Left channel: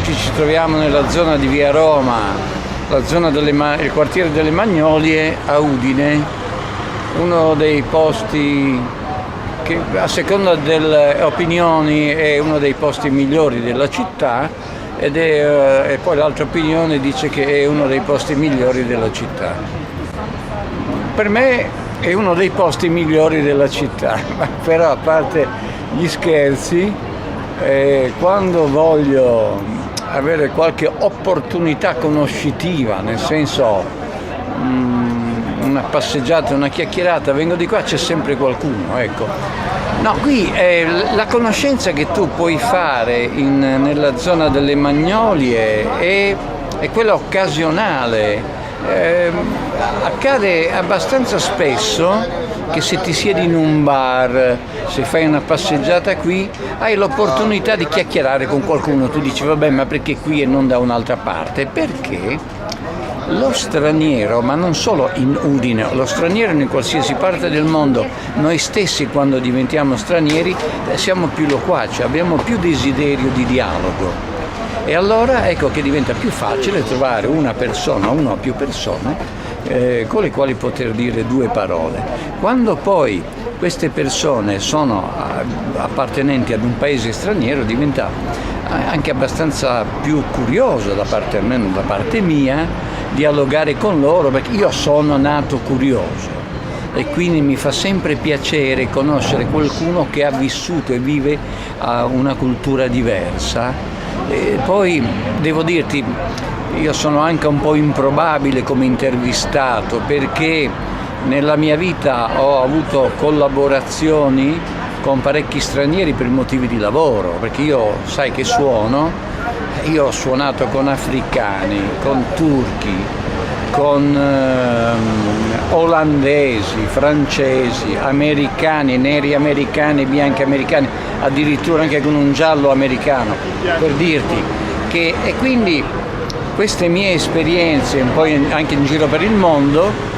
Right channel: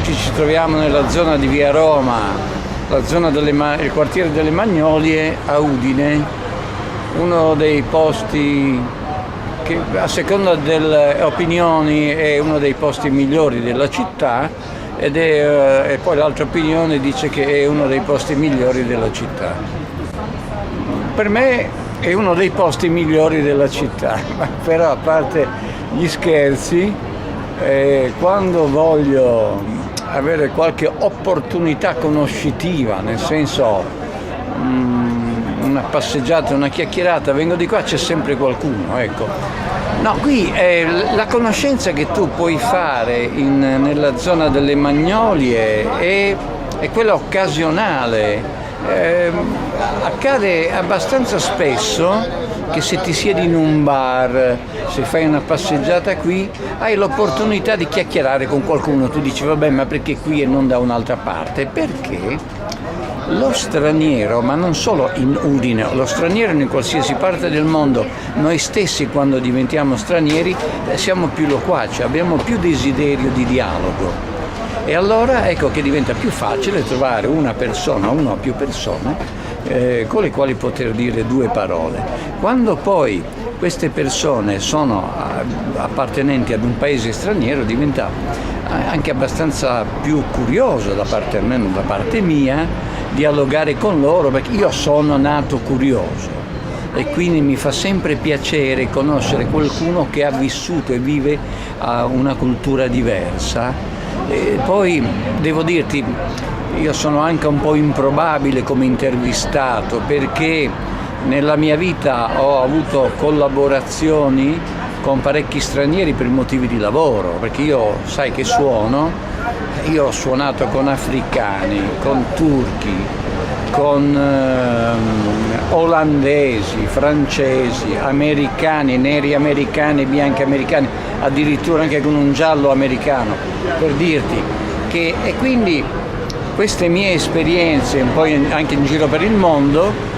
oggi ci troviamo nella zona di Via Roma, la zona il quartiere delle Magnolie a Udine, uno dei posti che a seconda delle opinioni è uno dei posti migliori della città e poi l'altra opinione dice che è uno dei posti migliori della città. Per me è uno dei posti migliori della città, però a parte gli scherzi, quando voglio avere qualche opportunità conoscitiva, nel senso una passeggiata, una chiacchierata, vengo di qua, c'è sempre qualcuno, ecco. No, qui la conoscenza che tu puoi fare nella zona delle Magnolie è quella occasionale. Accade abbastanza spesso che se ti siedi in un bar, se fai una passeggiata qui, hai l'opportunità di chiacchierare con qualcuno. Tu dici vabbè, ma perché qui e non da un'altra parte? Perché lo straniero, ma non solo in Udine, lo straniero in qualsiasi parte del mondo, noi stessi quando diventiamo stranieri siamo più loquaci, abbiamo più desiderio di dialogo. E allora ecco che diventa più facile trovare una persona, una o più persone con le quali poter dire due parole. Quando poi queste persone sono appartenenti ad un paese straniero diventa anche abbastanza più curioso da parte, almeno da parte mia, dialogare con loro, perché io sono nato curioso e quindi mi fa sempre piacere conoscere qualcuno che ha vissuto e vive una cultura diversa. E poi devo dirti, io sono anche un po' improbabile come intervistato, perché nella mia vita ho avuto collaborazioni con parecchi stranieri per motivi di lavoro, perché io sai che io ho suonato con africani, con turchi, con olandesi, francesi, americani, neri americani, bianchi americani, addirittura anche con un giallo americano, per dirti che, e quindi queste mie esperienze un po' anche in giro per il mondo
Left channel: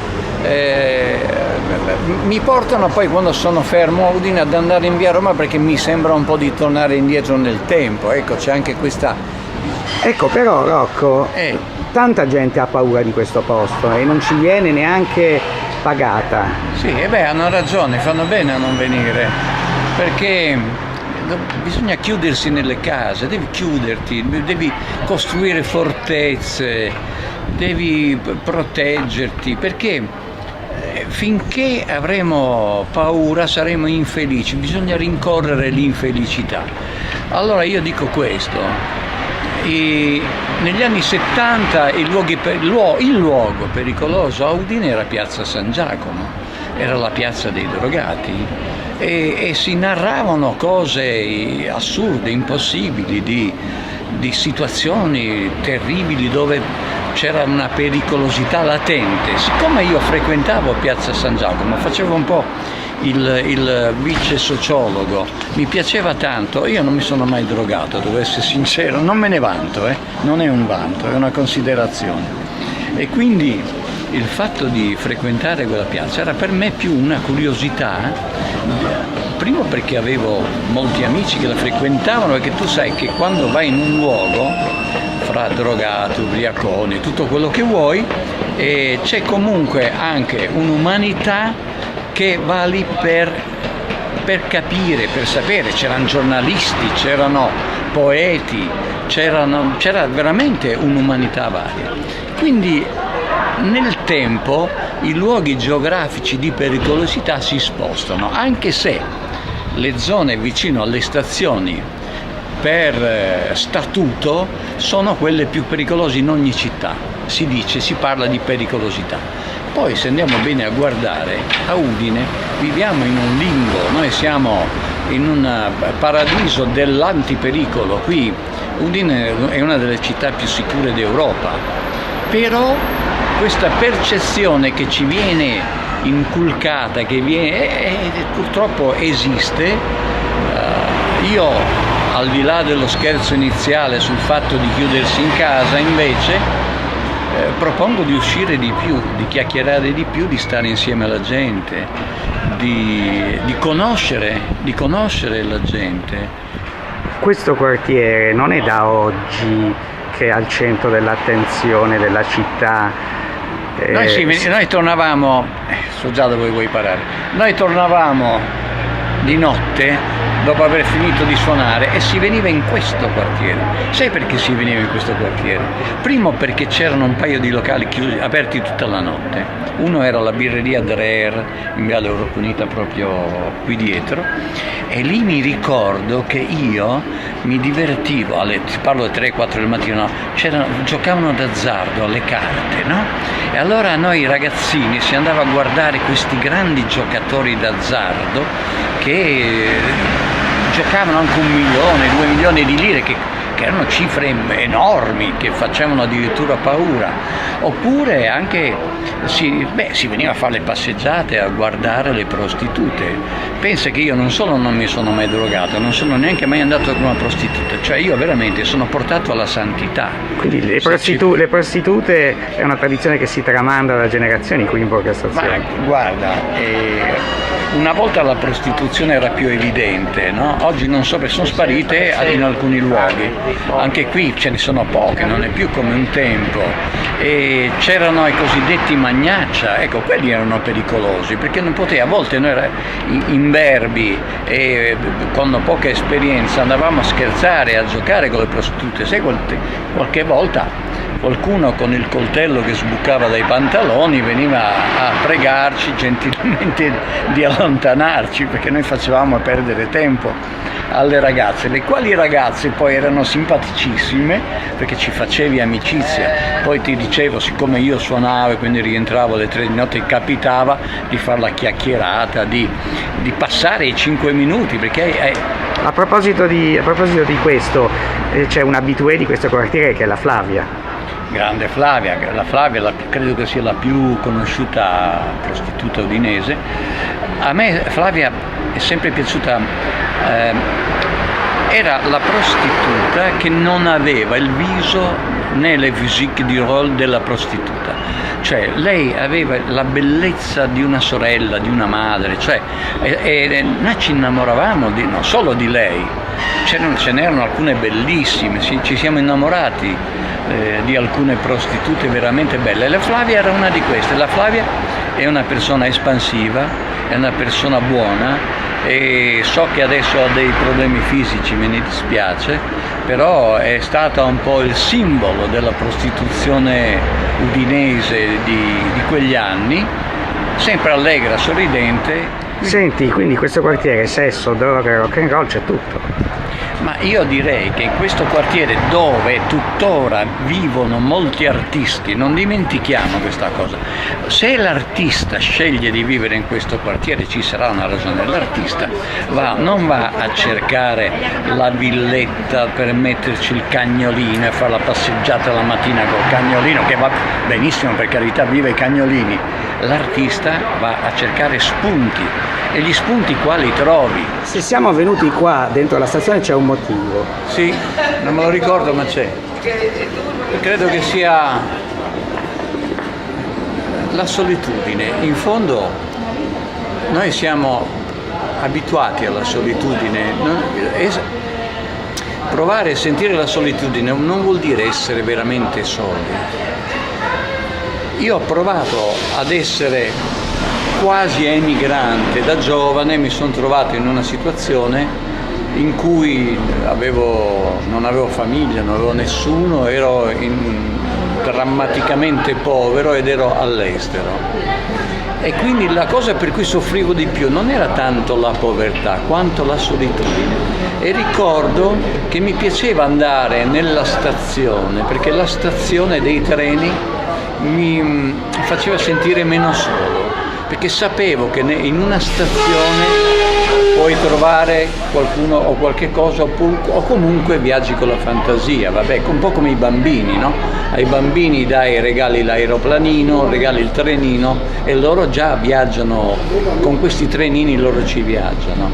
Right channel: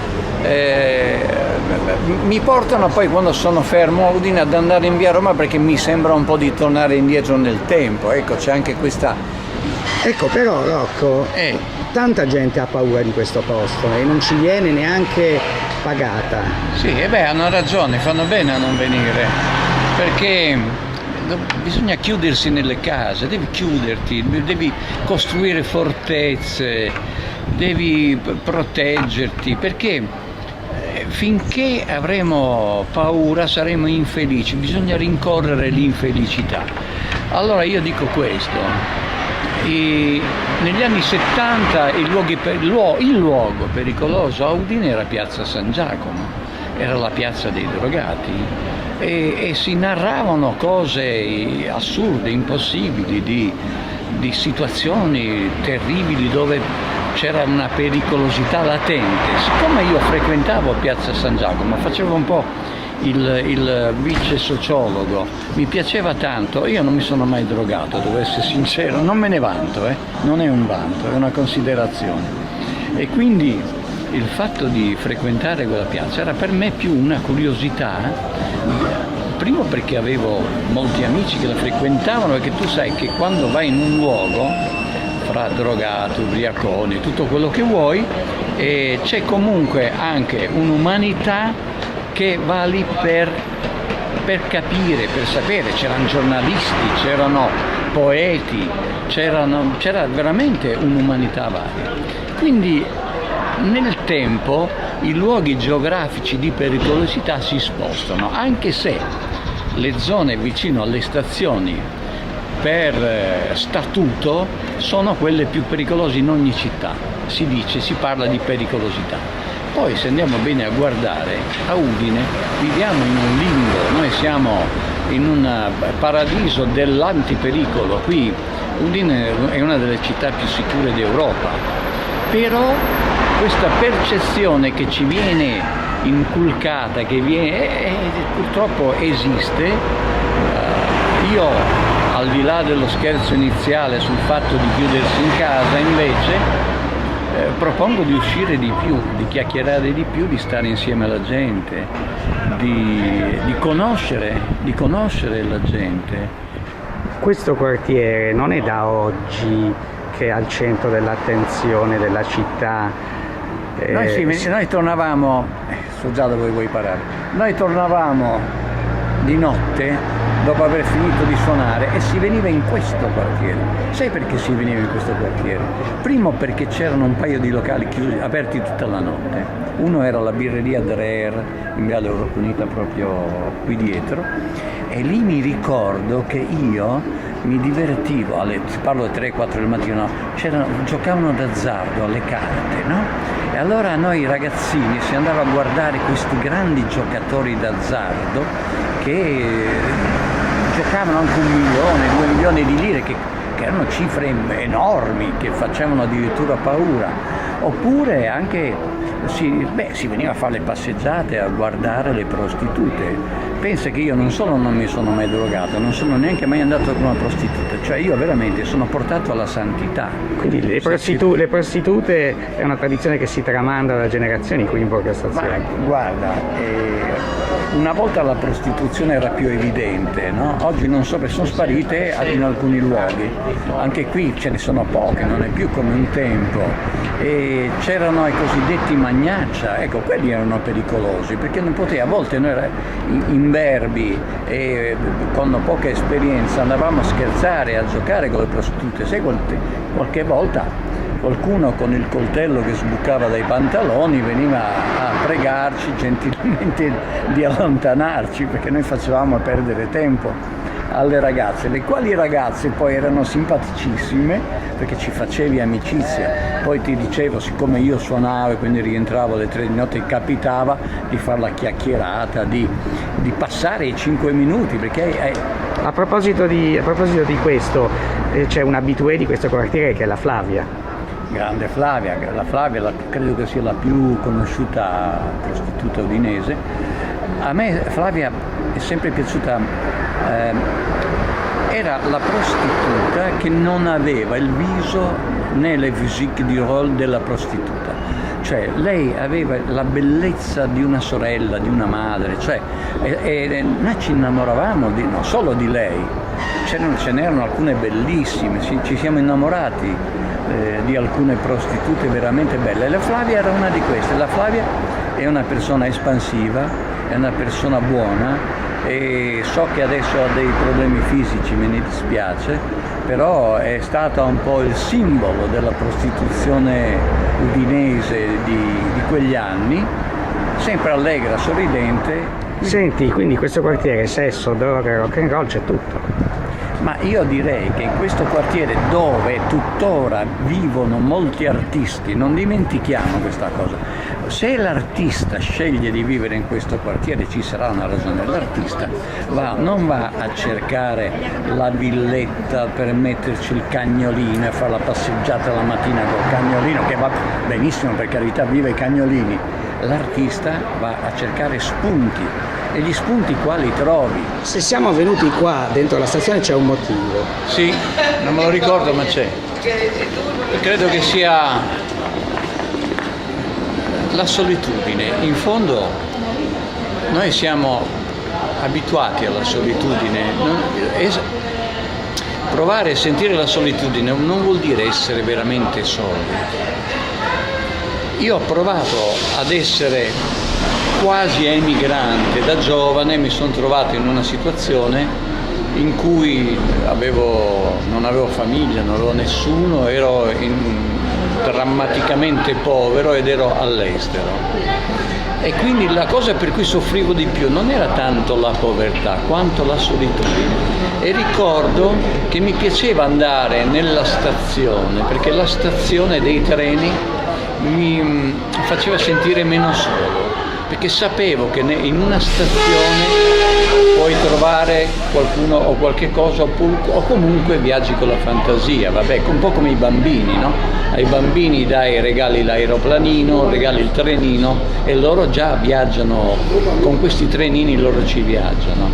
mi portano poi, quando sono fermo a Udine, ad andare in Via Roma, perché mi sembra un po' di tornare indietro nel tempo. Ecco, c'è anche questa... Ecco, però Rocco, tanta gente ha paura di questo posto e non ci viene neanche pagata. Sì, hanno ragione, fanno bene a non venire, perché bisogna chiudersi nelle case, devi chiuderti, devi costruire fortezze, devi proteggerti, perché finché avremo paura saremo infelici, bisogna rincorrere l'infelicità. Allora io dico questo, negli anni 70 il luogo pericoloso a Udine era Piazza San Giacomo, era la piazza dei drogati e si narravano cose assurde, impossibili, di situazioni terribili dove c'era una pericolosità latente. Siccome io frequentavo Piazza San Giacomo, facevo un po' il vice sociologo, mi piaceva tanto, io non mi sono mai drogato, devo essere sincero, non me ne vanto, non è un vanto, è una considerazione. E quindi il fatto di frequentare quella piazza era per me più una curiosità, primo perché avevo molti amici che la frequentavano, perché tu sai che quando vai in un luogo fra drogati, ubriaconi, tutto quello che vuoi, e c'è comunque anche un'umanità che va lì per capire, per sapere. C'erano giornalisti, c'erano poeti, c'era veramente un'umanità varia. Quindi nel tempo i luoghi geografici di pericolosità si spostano, anche se le zone vicino alle stazioni per statuto sono quelle più pericolose in ogni città, si parla di pericolosità. Poi se andiamo bene a guardare, a Udine viviamo in un limbo, noi siamo in un paradiso dell'antipericolo. Qui Udine è una delle città più sicure d'Europa, però questa percezione che ci viene inculcata, purtroppo esiste. Io, al di là dello scherzo iniziale sul fatto di chiudersi in casa, invece propongo di uscire di più, di chiacchierare di più, di stare insieme alla gente, di conoscere la gente. questo quartiere non è da oggi che è al centro dell'attenzione della città. Noi tornavamo, so già dove vuoi parare, noi tornavamo di notte dopo aver finito di suonare e si veniva in questo quartiere. Sai perché si veniva in questo quartiere? Primo perché c'erano un paio di locali chiusi, aperti tutta la notte. Uno era la birreria Dreher in Viale Europunita, proprio qui dietro, e lì mi ricordo che io mi divertivo, parlo alle 3-4 del mattino, giocavano d'azzardo alle carte, no? E allora noi ragazzini si andava a guardare questi grandi giocatori d'azzardo che giocavano anche 1 milione, 2 milioni di lire, che erano cifre enormi, che facevano addirittura paura. Oppure anche si veniva a fare le passeggiate, a guardare le prostitute. Pensa che io non solo non mi sono mai drogato, non sono neanche mai andato con una prostituta, cioè io veramente sono portato alla santità. Quindi le prostitute è una tradizione che si tramanda da generazioni qui in Borgo Cassazione. Ma guarda, una volta la prostituzione era più evidente, no? Oggi non so, perché sono sparite in alcuni luoghi, anche qui ce ne sono poche, non è più come un tempo. E c'erano i cosiddetti magnaccia, ecco, quelli erano pericolosi, perché non poteva, a volte noi imberbi e con poca esperienza andavamo a scherzare, a giocare con le prostitute. Sai, qualche volta qualcuno con il coltello che sbucava dai pantaloni veniva a pregarci gentilmente di allontanarci, perché noi facevamo perdere tempo alle ragazze, le quali ragazze poi erano simpaticissime perché ci facevi amicizia. Poi ti dicevo, siccome io suonavo e quindi rientravo alle 3 di notte, capitava di fare la chiacchierata, di passare i 5 minuti, perché a proposito di questo, c'è un abitué di questo quartiere che è la Flavia. Grande Flavia, credo che sia la più conosciuta prostituta udinese. A me Flavia è sempre piaciuta, era la prostituta che non aveva il viso né le physique du rôle della prostituta, cioè lei aveva la bellezza di una sorella, di una madre, cioè, e noi ci innamoravamo non solo di lei, ce n'erano alcune bellissime, ci siamo innamorati di alcune prostitute veramente belle. La Flavia era una di queste. La Flavia è una persona espansiva, è una persona buona, e so che adesso ha dei problemi fisici, me ne dispiace, però è stata un po' il simbolo della prostituzione udinese di quegli anni, sempre allegra, sorridente. Senti, quindi questo quartiere sesso, droga, rock and roll, c'è tutto. Ma io direi che in questo quartiere, dove tuttora vivono molti artisti, non dimentichiamo questa cosa, se l'artista sceglie di vivere in questo quartiere ci sarà una ragione. L'artista non va a cercare la villetta per metterci il cagnolino e fare la passeggiata la mattina col cagnolino, che va benissimo, per carità, viva i cagnolini. L'artista va a cercare spunti, e gli spunti qua li trovi. Se siamo venuti qua dentro la stazione c'è un motivo. Sì, non me lo ricordo, ma c'è. Credo che sia la solitudine. In fondo noi siamo abituati alla solitudine. Provare e sentire la solitudine non vuol dire essere veramente soli. Io ho provato ad essere quasi emigrante da giovane, mi sono trovato in una situazione in cui non avevo famiglia, non avevo nessuno, ero drammaticamente povero ed ero all'estero. E quindi la cosa per cui soffrivo di più non era tanto la povertà quanto la solitudine. E ricordo che mi piaceva andare nella stazione, perché la stazione dei treni mi faceva sentire meno solo, perché sapevo che in una stazione puoi trovare qualcuno o qualche cosa, o comunque viaggi con la fantasia, vabbè, un po' come i bambini, no? Ai bambini regali l'aeroplanino, regali il trenino, e loro già viaggiano con questi trenini, loro ci viaggiano.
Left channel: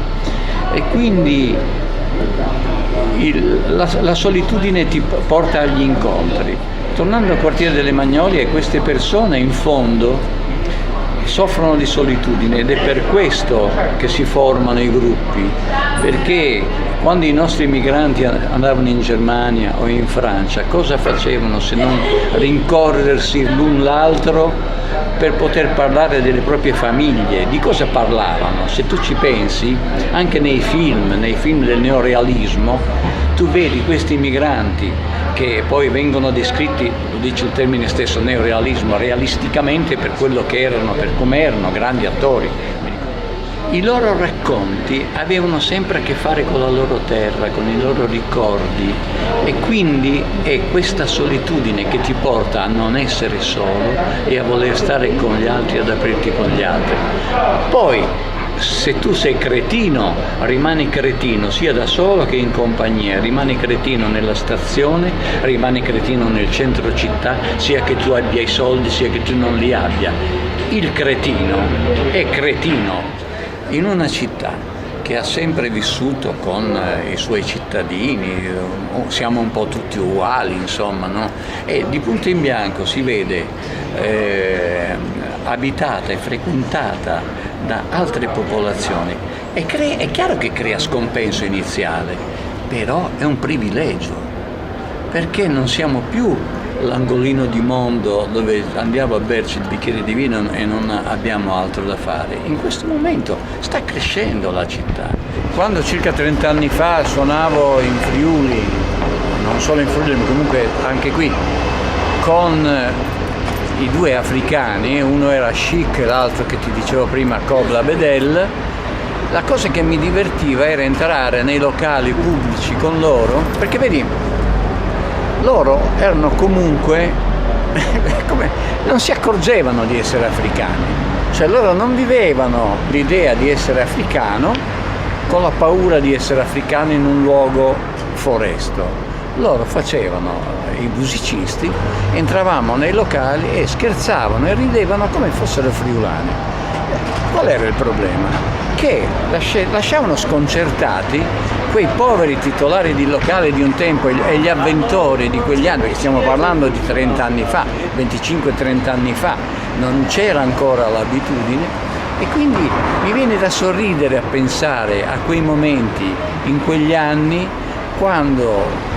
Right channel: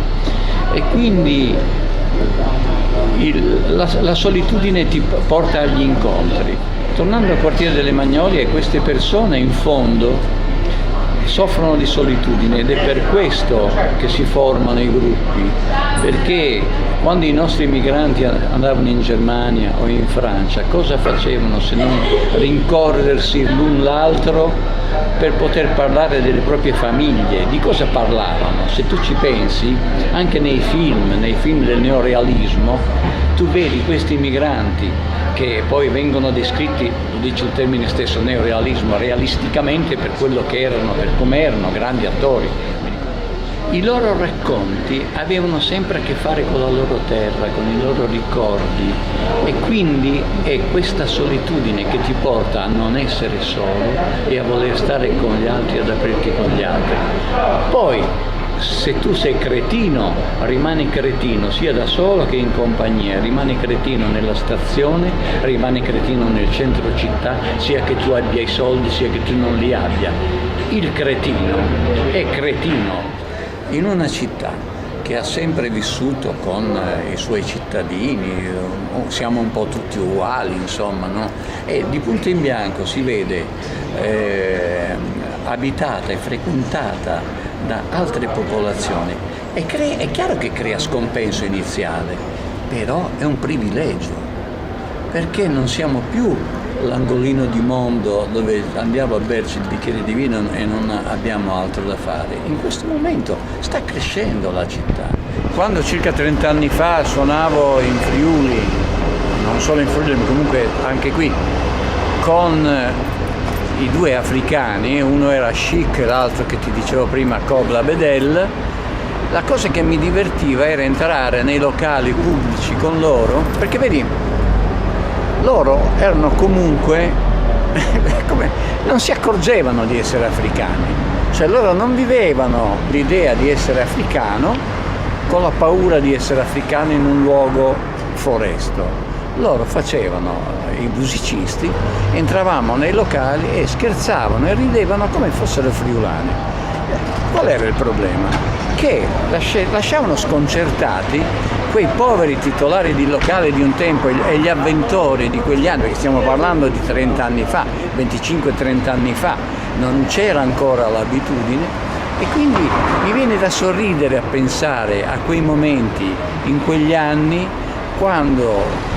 E quindi la solitudine ti porta agli incontri. Tornando al quartiere delle Magnolie, queste persone in fondo soffrono di solitudine, ed è per questo che si formano i gruppi, perché Quando i nostri migranti andavano in Germania o in Francia, cosa facevano se non rincorrersi l'un l'altro per poter parlare delle proprie famiglie? Di cosa parlavano? Se tu ci pensi, anche nei film del neorealismo, tu vedi questi migranti che poi vengono descritti, lo dice il termine stesso, neorealismo, realisticamente per quello che erano, per come erano, grandi attori. I loro racconti avevano sempre a che fare con la loro terra, con i loro ricordi, e quindi è questa solitudine che ti porta a non essere solo e a voler stare con gli altri, ad aprirti con gli altri. Poi, se tu sei cretino, rimani cretino sia da solo che in compagnia, rimani cretino nella stazione, rimani cretino nel centro città, sia che tu abbia i soldi, sia che tu non li abbia. Il cretino è cretino in una città che ha sempre vissuto con i suoi cittadini, siamo un po' tutti uguali, insomma, no? E di punto in bianco si vede abitata e frequentata da altre popolazioni. È chiaro che crea scompenso iniziale, però è un privilegio, perché non siamo più l'angolino di mondo dove andiamo a berci il bicchiere di vino e non abbiamo altro da fare. In questo momento sta crescendo la città. Quando circa 30 anni fa suonavo in Friuli, non solo in Friuli ma comunque anche qui, con i due africani, uno era Chic e l'altro che ti dicevo prima Cobla Bedel, la cosa che mi divertiva era entrare nei locali pubblici con loro, perché vedi, loro erano comunque, non si accorgevano di essere africani, cioè loro non vivevano l'idea di essere africano con la paura di essere africano in un luogo foresto. Loro facevano i musicisti, entravamo nei locali e scherzavano e ridevano come fossero friulani. Qual era il problema? Che lasciavano sconcertati quei poveri titolari di locale di un tempo e gli avventori di quegli anni, perché stiamo parlando di 30 anni fa, 25-30 anni fa, non c'era ancora l'abitudine, e quindi mi viene da sorridere a pensare a quei momenti in quegli anni quando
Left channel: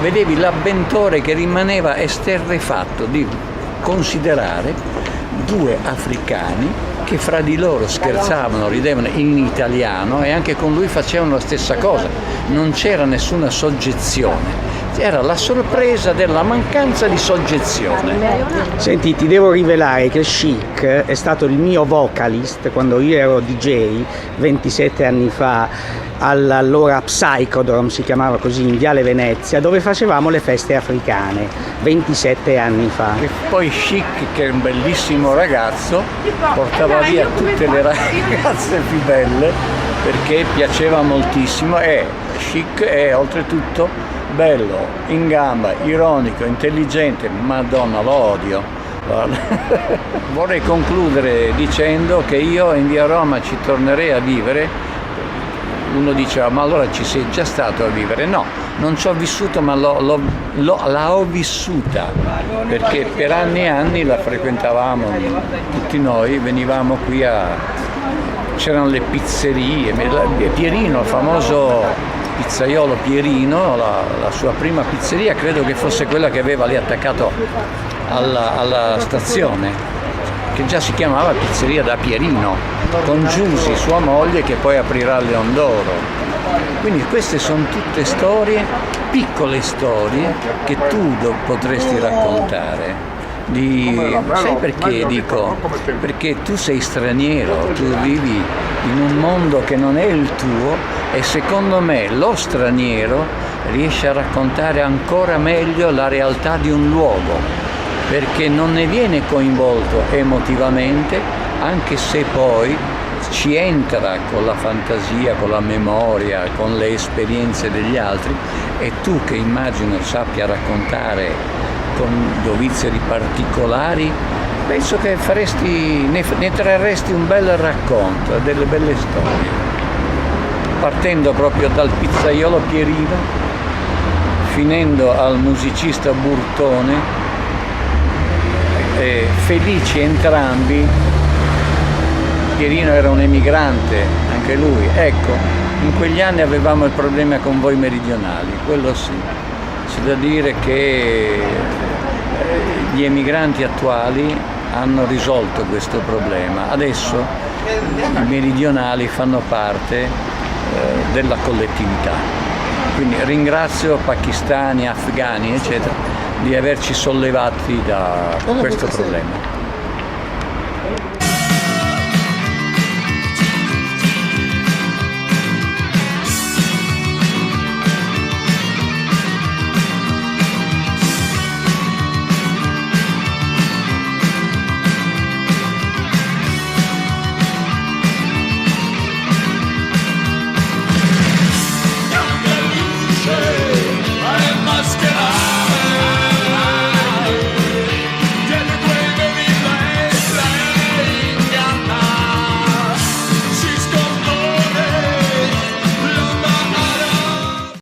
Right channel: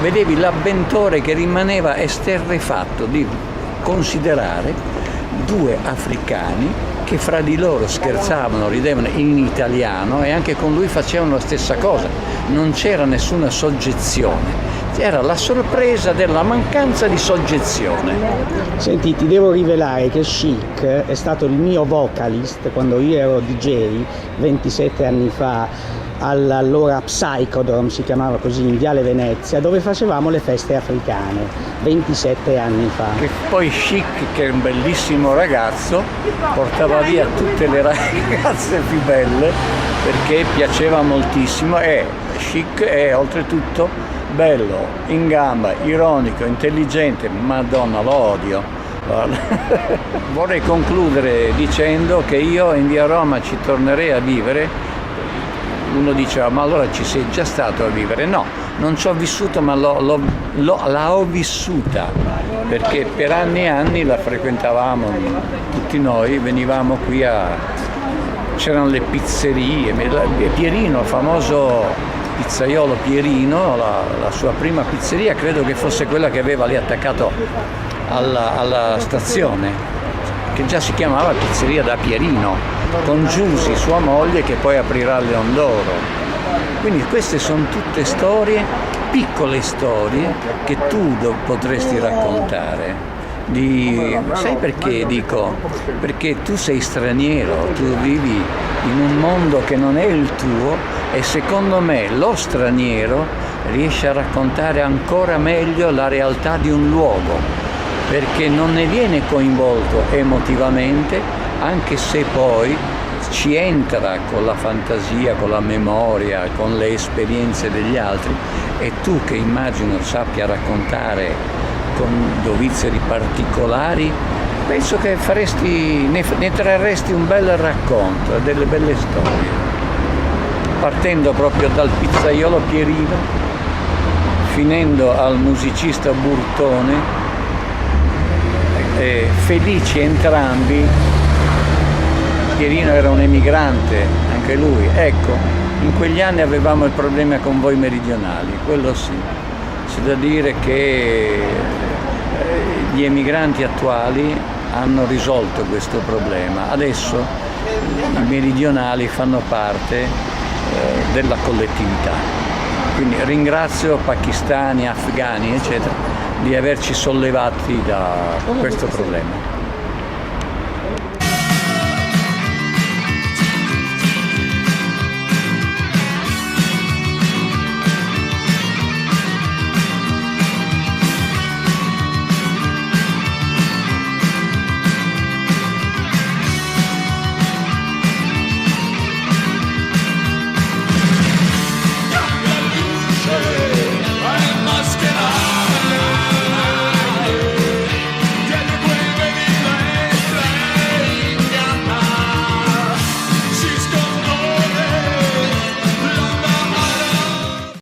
vedevi l'avventore che rimaneva esterrefatto di considerare due africani che fra di loro scherzavano, ridevano in italiano e anche con lui facevano la stessa cosa. Non c'era nessuna soggezione, era la sorpresa della mancanza di soggezione. Senti, ti devo rivelare che Chic è stato il mio vocalist quando io ero DJ 27 anni fa all'allora Psychodrome, si chiamava così, in Viale Venezia, dove facevamo le feste africane 27 anni fa. E poi Chic, che è un bellissimo ragazzo, portava via tutte le ragazze più belle perché piaceva moltissimo, e Chic è oltretutto bello, in gamba, ironico, intelligente. Madonna, lo odio. Vorrei concludere dicendo che io in via Roma ci tornerei a vivere. Uno diceva, ma allora ci sei già stato a vivere? No, non ci ho vissuto, ma la ho vissuta, perché per anni e anni la frequentavamo tutti noi, venivamo qui c'erano le pizzerie, Pierino, il famoso pizzaiolo Pierino, la sua prima pizzeria credo che fosse quella che aveva lì attaccato alla stazione, che già si chiamava Pizzeria da Pierino, con Giusy, sua moglie, che poi aprirà a Leon d'Oro. Quindi queste sono tutte storie, piccole storie, che tu potresti raccontare. Sai perché dico? Perché tu sei straniero, tu vivi in un mondo che non è il tuo, e secondo me lo straniero riesce a raccontare ancora meglio la realtà di un luogo, perché non ne viene coinvolto emotivamente, anche se poi ci entra con la fantasia, con la memoria, con le esperienze degli altri, e tu che immagino sappia raccontare con dovizia particolari, penso che ne trarresti un bel racconto, delle belle storie, partendo proprio dal pizzaiolo Pierino, finendo al musicista Burtone, felici entrambi. Pierino era un emigrante, anche lui, ecco, In quegli anni avevamo il problema con voi meridionali, quello sì. C'è da dire che gli emigranti attuali hanno risolto questo problema. Adesso i meridionali fanno parte della collettività. Quindi ringrazio pakistani, afghani, eccetera, di averci sollevati da questo problema.